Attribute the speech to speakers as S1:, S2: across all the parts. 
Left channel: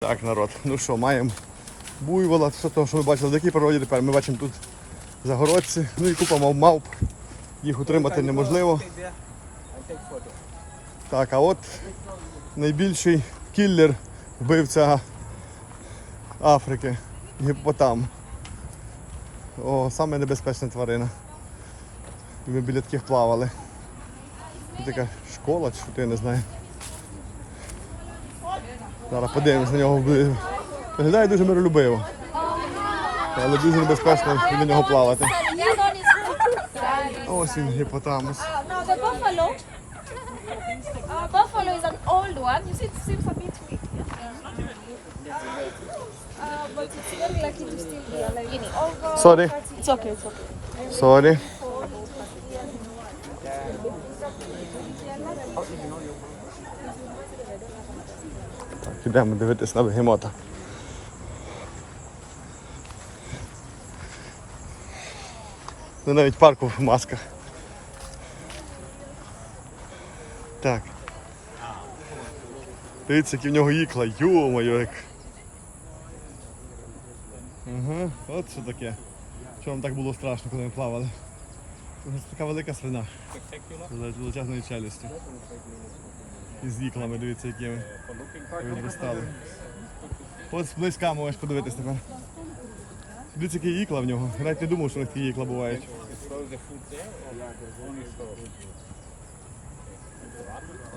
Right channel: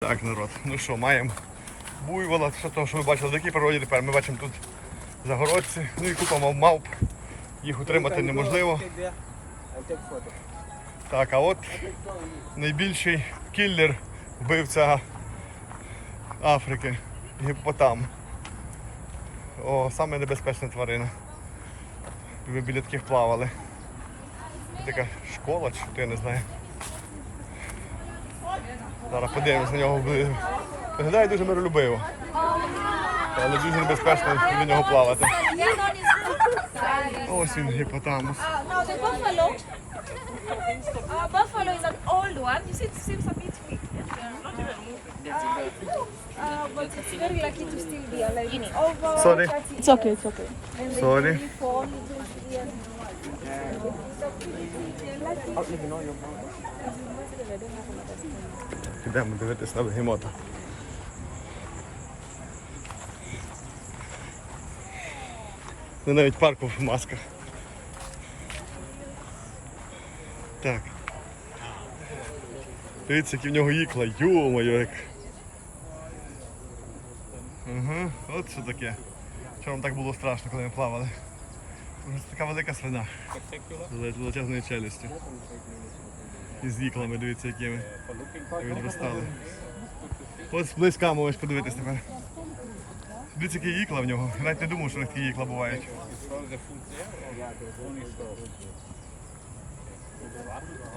S1: Так, народ, ну що, маємо буйвола, все те, що ви бачили дикій природі, тепер ми бачимо тут загородці, ну і купа мав- мавп. Їх утримати неможливо. Так, а от найбільший кіллер, вбивця Африки, гіпопотам. О, саме небезпечна тварина. Ми біля таких плавали. Така школа, чи що я не знаю. Зараз подивимось на нього. Виглядає дуже миролюбиво. Але дуже небезпечно біля нього плавати. Ось він гіпотамус.
S2: Now the buffalo. Uh, buffalo is an old one. You see, it seems a bit weak.
S1: Sorry.
S2: It's okay, it's okay.
S1: Sorry. Так, ідемо дивитись на бегемота. Ну навіть парку в масках. Так. Дивіться, які в нього ікла. Йо-моє як. Угу, от що таке. Вам так було страшно, коли ми плавали. Це така велика свина. З величезною челюстю. І з іклами, дивіться, якими. І відростали. Ось близька можеш подивитись тепер. Дивіться, які ікла в нього. Навіть не думав, що такі ікла бувають.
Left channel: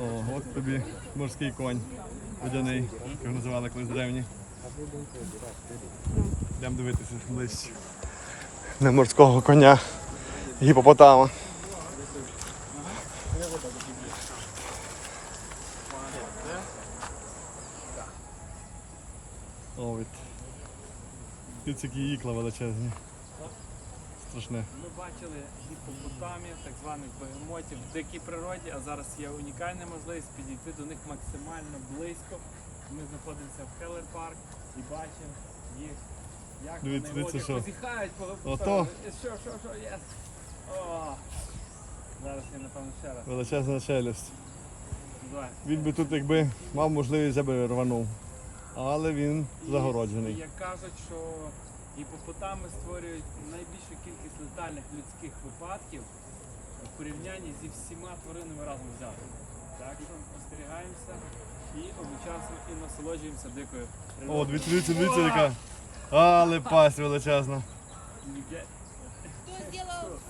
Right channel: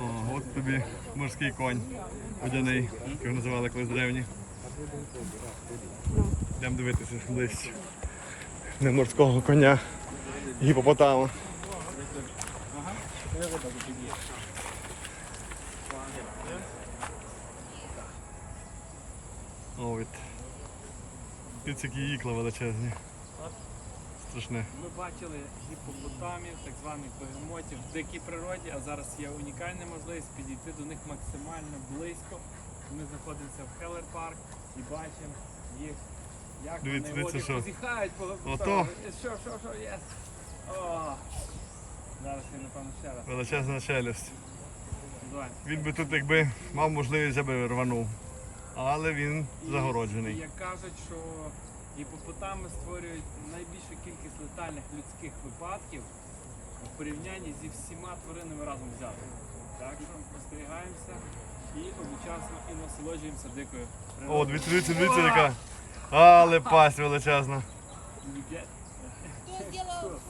S1: О, от тобі морський конь водяний, його називали колись древні. Йдемо дивитися ближче. Не морського коня, гіпопотама. О, від. Які ікла величезні. Страшне.
S3: Ми бачили гіпопотамів, так званих бегемотів в дикій природі, а зараз є унікальна можливість підійти до них максимально близько. Ми знаходимося в Хеллер Парк і бачимо їх, як
S1: Дивіться,
S3: вони
S1: дивіться,
S3: водять,
S1: що.
S3: позіхають, коли
S1: Ото.
S3: поставили. Що, що, що, є? Зараз я напевно ще раз.
S1: Величезна челюсть. Він би тут, якби мав можливість, я би рванув. Але він
S3: І
S1: загороджений.
S3: Як кажуть, що гіпопотами створюють найбільшу кількість летальних людських випадків в порівнянні зі всіма тваринами разом взятими. Так що ми спостерігаємося і одночасно і насолоджуємося дикою
S1: О, дивіться, дивіться, дивіться, яка. Але пасть величезна.
S4: Фронтальную фотографию?